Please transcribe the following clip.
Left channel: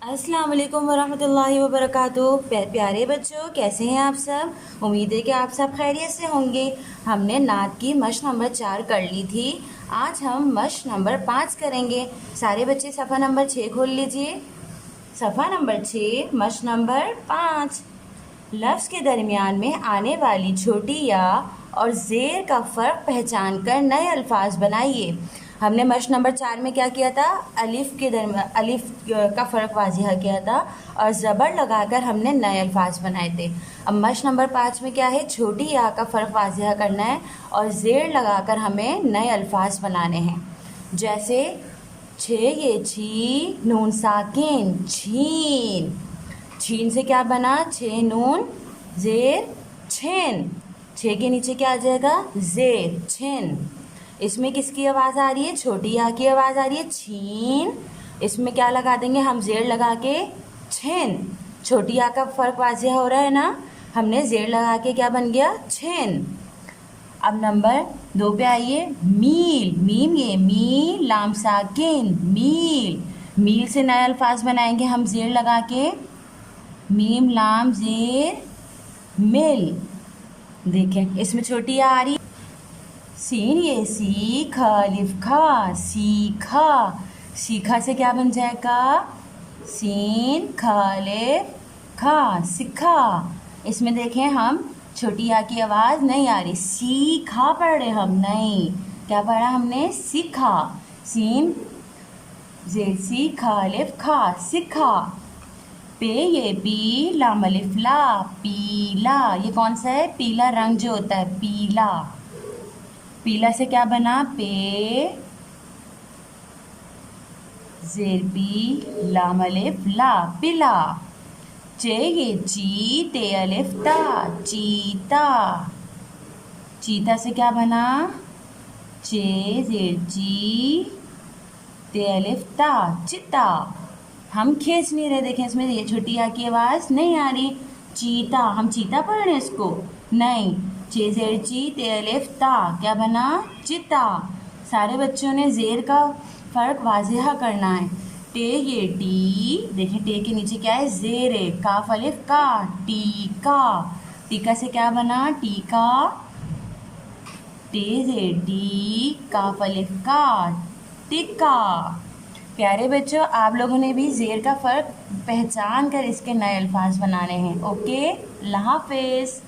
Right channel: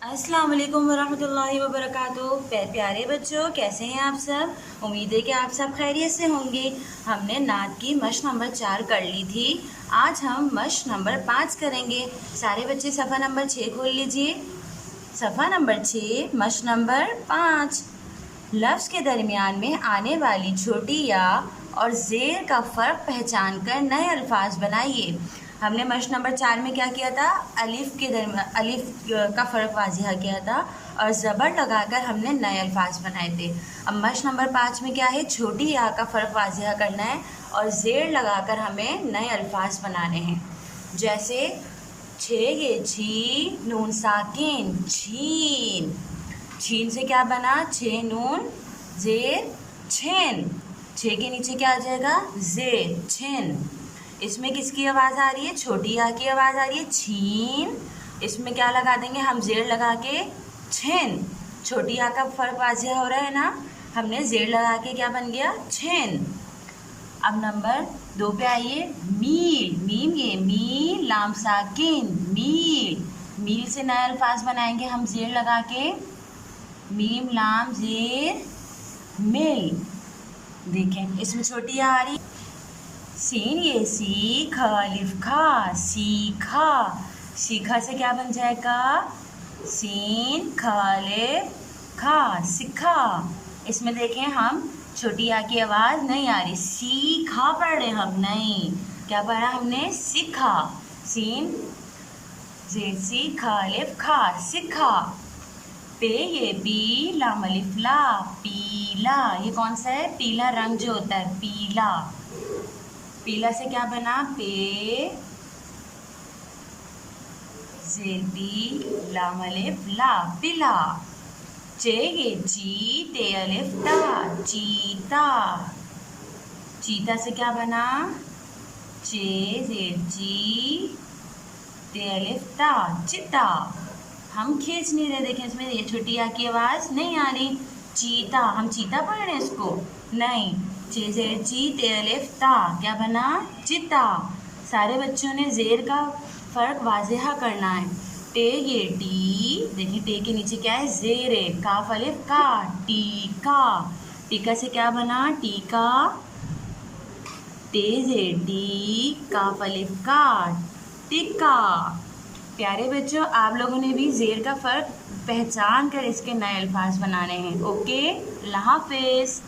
अस्सलाम वालेकुम वरहमतुल्लाहि वबरकातुहू। प्यारे बच्चों, कैसे हैं आप सब। उम्मीद है कि आप सब खैरियत से होंगे। हमने नात की मश्क नंबर 4 कर ली थी। आज हम मश्क नंबर 5 करेंगे। सारे बच्चे सफ़ा नंबर 6 खोल लीजिए। सफ़ा नंबर 6, मश्क नंबर 5। लफ्ज़ के दरमियान में आने वाली छोटी या और ज़ेर का फ़र्क पहचान कर नए अल्फाज बनाइए। हमने मश्क नंबर 4 में क्या किया था, अलिफ का फ़र्क वाज़िह किया था और ज़बर लगाकर हमने नए अल्फाज बनाए थे। अब मश्क नंबर 5 में क्या है, छोटी या का फ़र्क वाज़िह करना है और ज़ेर लगाकर हमें नए अल्फाज बनाने हैं। जैसे छे ये छी, नून साकिन छीन। छीन से क्या बना, छे नून ज़ेर छेन। छे के नीचे क्या आ जाएगा, ज़ेर छेन। इसमें किसकी आवाज़ आ रही है, छोटी या की आवाज़ आ रही है, छीन। इसमें क्या लगा देंगे हम, ज़ेर लगा के छेन। छोटी या का फ़र्क वाज़िह हो रहा है ना, हमने ज़ेर लगा के क्या बन गया, छेन। अब नंबर 2 पे आइए। मील, मीम ये मील, लाम साकिन मील। मील से नए अल्फाज बनाएंगे हम ज़ेर लगा के, मीम लाम ज़ेर मिल। देखें इसमें छोटी या आ रही। सीन ये सी, ख अलिफ खा, सीखा। सीखा से क्या बन जाएगा, सीन ख अलिफ खा, सीखा। इसमें देखें हम छोटी या की आवाज़ नहीं आ रही, सीखा पढ़ रहे हम, नहीं, क्या पढ़ा हमने, सीखा। सीन ज़ेर सी, ख अलिफ खा, सीखा। पे ये पी, लाम अलिफ ला, पीला। ये कौन सा है, पीला रंग जो होता है, पीला। पीला से क्या बना, पे ज़ेर पी, लाम अलिफ ला, पीला। चे ये ची, ते अलिफ ता, चीता। चीता से क्या बना, चे ज़ेर ची, ते अलिफ ता, चिता। हम खींच नहीं रहे, देखें इसमें ये छोटी या की आवाज़ नहीं आ रही। चीता, हम चीता पढ़ रहे हैं इसको, नहीं। चे ज़ेर ची, ते अलिफ ता, क्या बना, चिता। सारे बच्चों ने ज़ेर का फ़र्क वाज़िह करना है। टे ये टी, देखिए टे के नीचे क्या है, ज़ेर है, काफ अलिफ का, टीका। टीका से क्या बना, टीका। टे ज़ेर टी, काफ अलिफ का, टिक्का। प्यारे बच्चों, आप लोगों ने भी ज़ेर का फ़र्क पहचान कर इसके नए अल्फाज बनाने हैं। ओके, अल्लाह हाफ़िज़।